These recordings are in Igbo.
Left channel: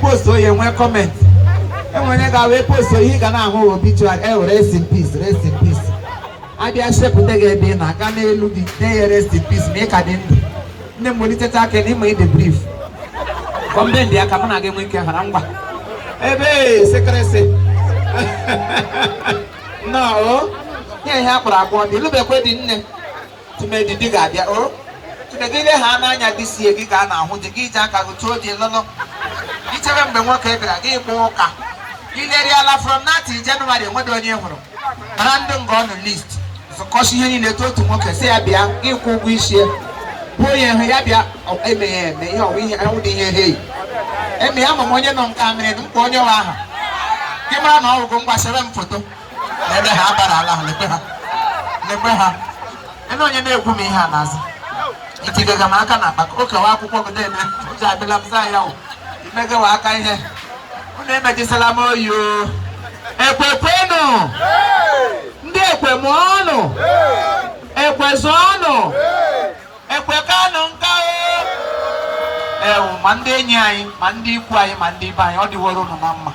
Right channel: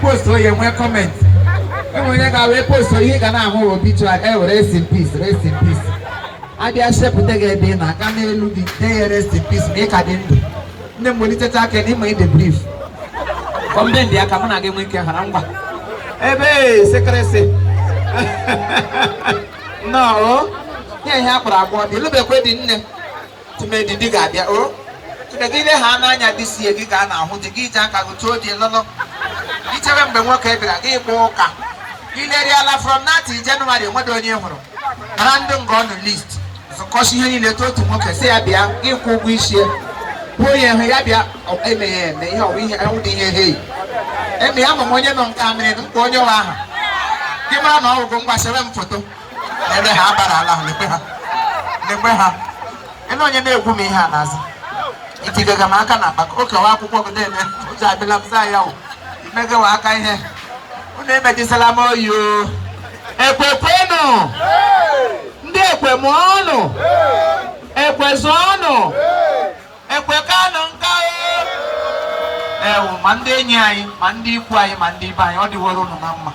Post so you want comment. And when I got post so you can have a picture and rest in peace, rest in peace. I dare step with the game, I can't look the day, rest in peace, make a dent. Then when it's attack and made the brief. Come then, they are coming again with your hand. Hey, secrecy. No, they have a body, look at wedding to make the digger. Oh, to the dinner, Hannah, this year, you can now hold the guitar, I will told you, no. Each of them work every day. You let from that in January, what do you know? Random gone list. So, caution in the total work, say, I be a give wish here. Boy, and Rabia of MAM, they are we out in your day. And the other one, you don't come in on your arm. Give on all go by 7 photo. And the Habara, and on your name, who may have us. It is a Makana, but okay, I'll put them. I belong Zion. Mega waka here. Uneme jisalamo yo. Ekwe kwenu. Ndi ekwe mwono. Ekwe zono. Ekwe kano nkao. Mande nyai, mandi kwai, mandi bai. Odi woro mama.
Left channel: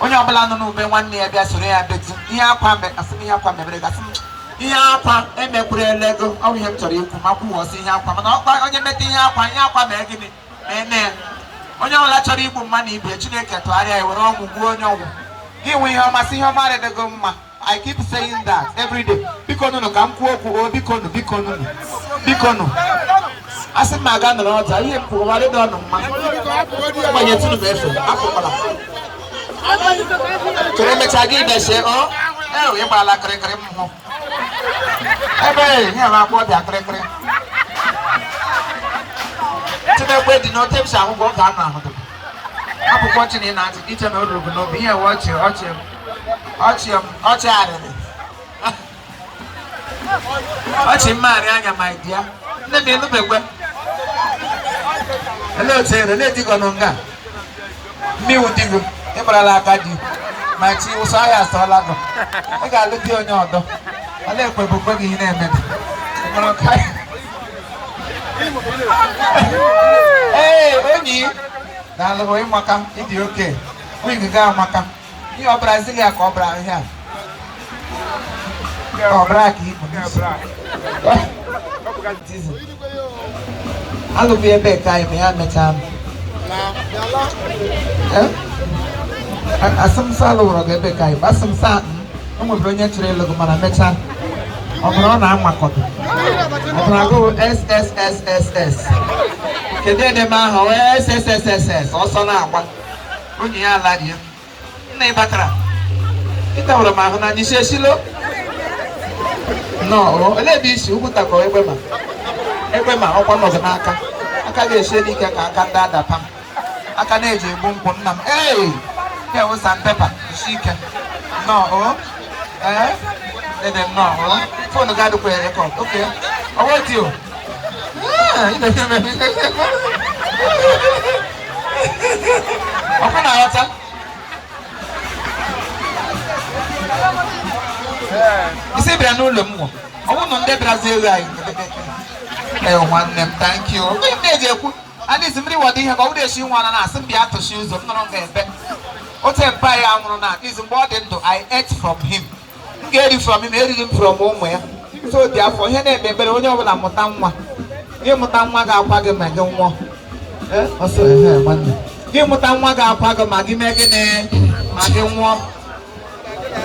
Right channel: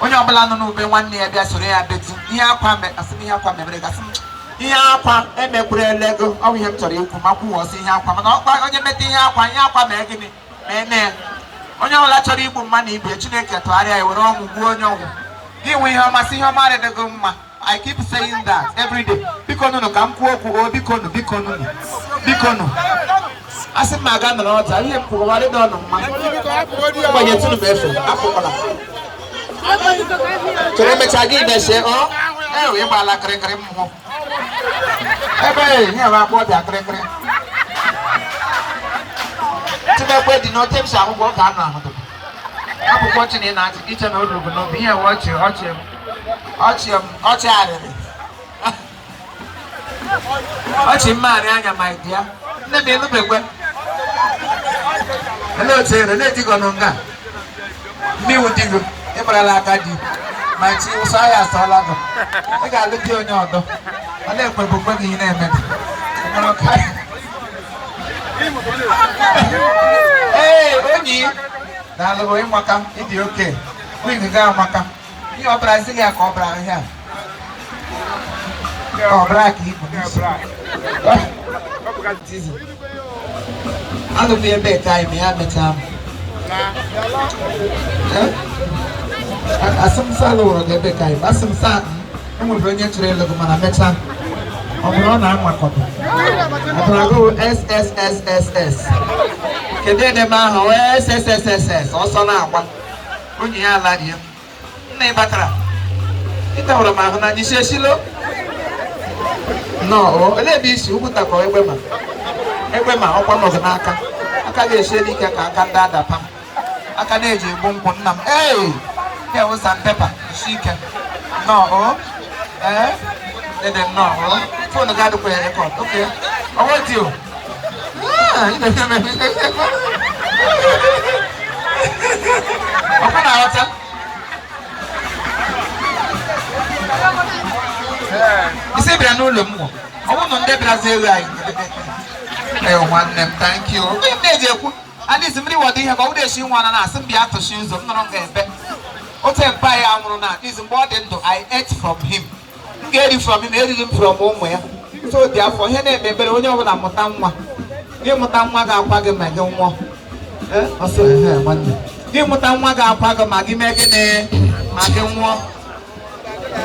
Onye obala no me wanne ya bia sore ya betu. Iya kwa me asimi ya kwa me brega asimi. Iya kwa emekure lego. Awu yem tori ku maku wo si iya kwa. Na onye meti iya kwa me gini. Amen. Onye ọla chọrọ igbu mma na ibe Chineke tụgharịa ya were ọgwụ gbuo onye ọgwụ gị nwe ihe ọmasị ihe ọma adịgo mma. I keep saying that every day. Biko nunu ka m kwuo okwu o biko nunu asị m aga nọrọ ọta ihe m kwuru ọdị ọnụ mma gbanye tunu bụ efe akpụkpọla chere emechaa gị na-eche ọ ewe ịgbala kịrịkịrị m hụ ebe ihe m akpọ ọbịa kịrịkịrị Today, did not take some work down. I'm watching in at each and other, but not here watching. Watching Mariana, my dear. Let me look at hello, say, let it go longer. Me with you, Ebralakadi. My team was I asked Alago. I got to look on your door. I left my book in a Hey, Oni! Now, the way Macam, it's okay. We can go Macam. You are Brazilian cobra here. Cobra, keep I'll be a bit time, I have the time. I some sallow of the big guy, but some satin, and we'll bring it to the local man. I'm my cotton. I'm going to go SSSSS. Can they never know SSSSS? Also now, when you are like you. Nebatra. It's all a man, and you say, Silo? No, ladies who put a boy women. Every man open of the anchor. I can't say you can that pump. I can't age a boom put them. Hey, there was some pepper. She can. No, eh? Let them know. For the guy to play a record. Okay. I want you. Open our you say, I know more. I want to get thank you. And it's really what they have already seen one and asked me out to shoes of none of them. What a buy out is more than I ate from him. Get it from him, ate him from home. So therefore, he never been on your Motama. You Motamaga Pagan, my don't want. Also, you Motamaga Pagan, my Maggie, I don't want.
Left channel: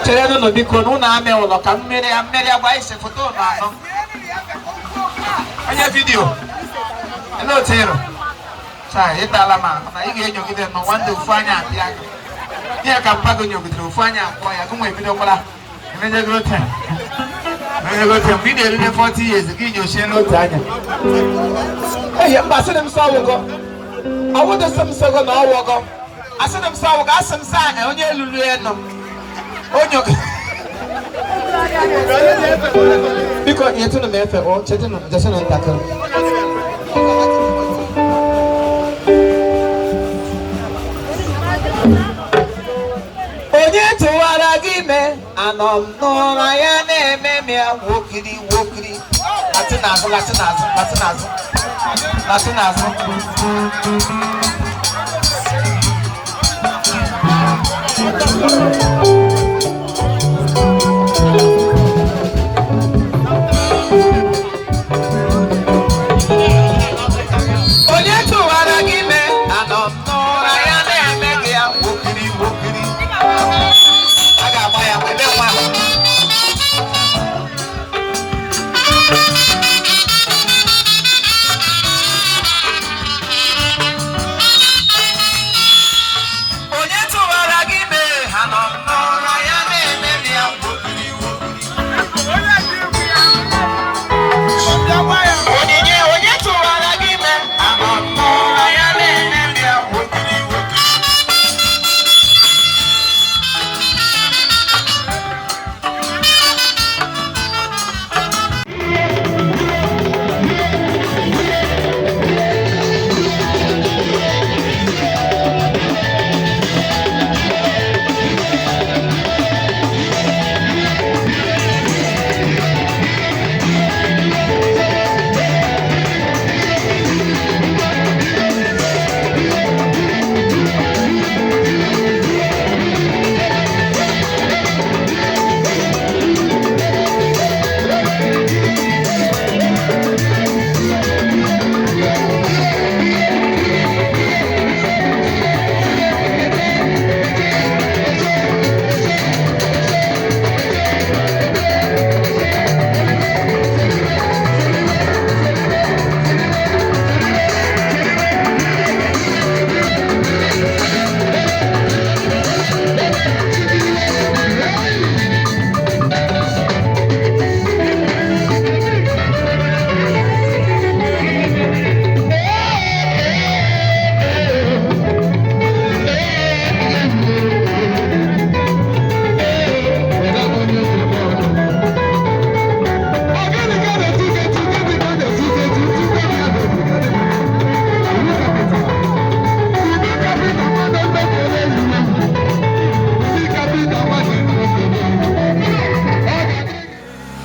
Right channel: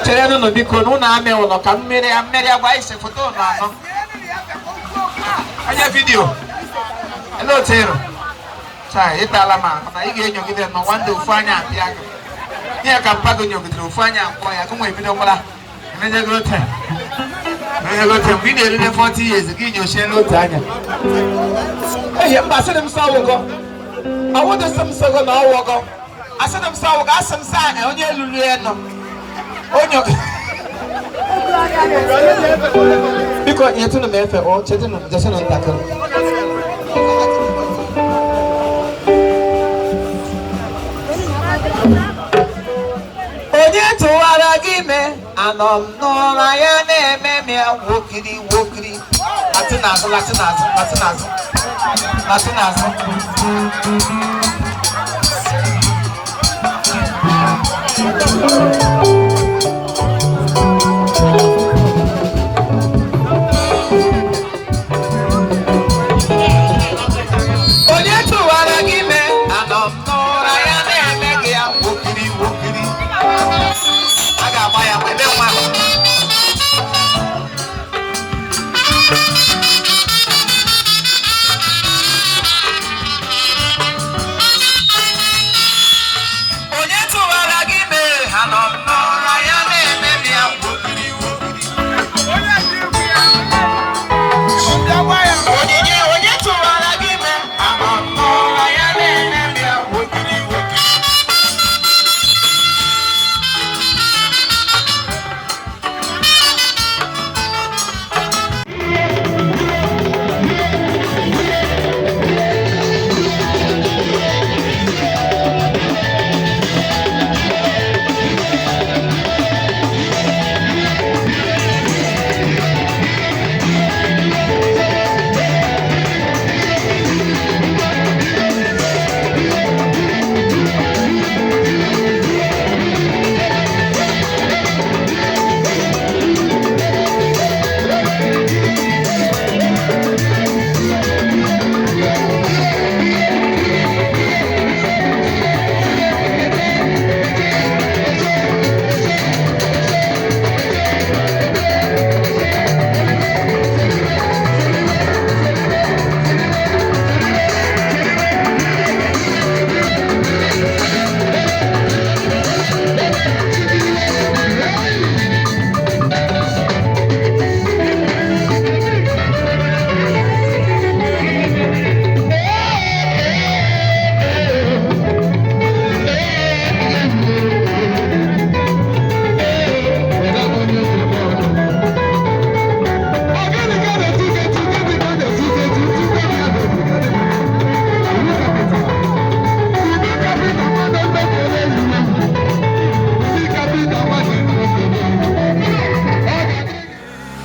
Children of the Corona, I will come many a vice for I video. Hello, Taylor. Say, I get you with them. I want to find out. Yeah, I can pack on you to find out why I come with me. And then you go time. When you go to video 40 years, again, you share no time. Hey, I said them so. I want some 7 hours ago. I said them so. I got some sign on your because you're to the man or chatting just an attacker. And yet, to what I give me, and no, I am a wokey.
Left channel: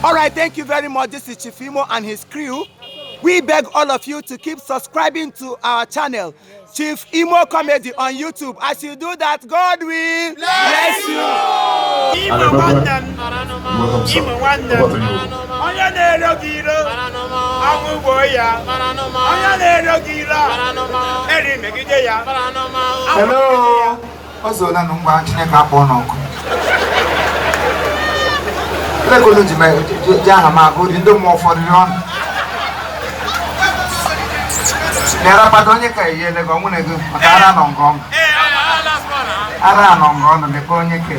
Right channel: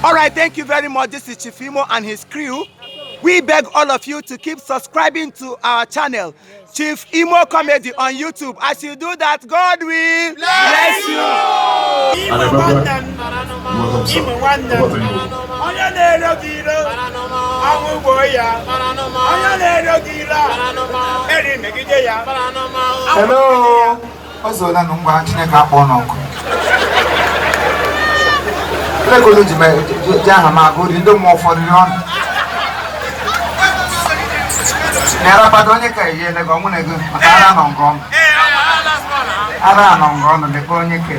Alright, thank you very much. This is Chief Imo and his crew. We beg all of you to keep subscribing to our channel, Chief Imo Comedy on YouTube. As you do that, God will bless you. Imo Hello. Ozo na ngwa Chineke akpọ n'ọkụ. Lekolo ji aha ma agụri ndị mmụọ ụfọdụ n'ọnụ. Nyarapata onye ka eyele gị ọnwụ ego maka ara nọ nke ọnụ. Ara nọ nke ọnụ mekpe onye ke.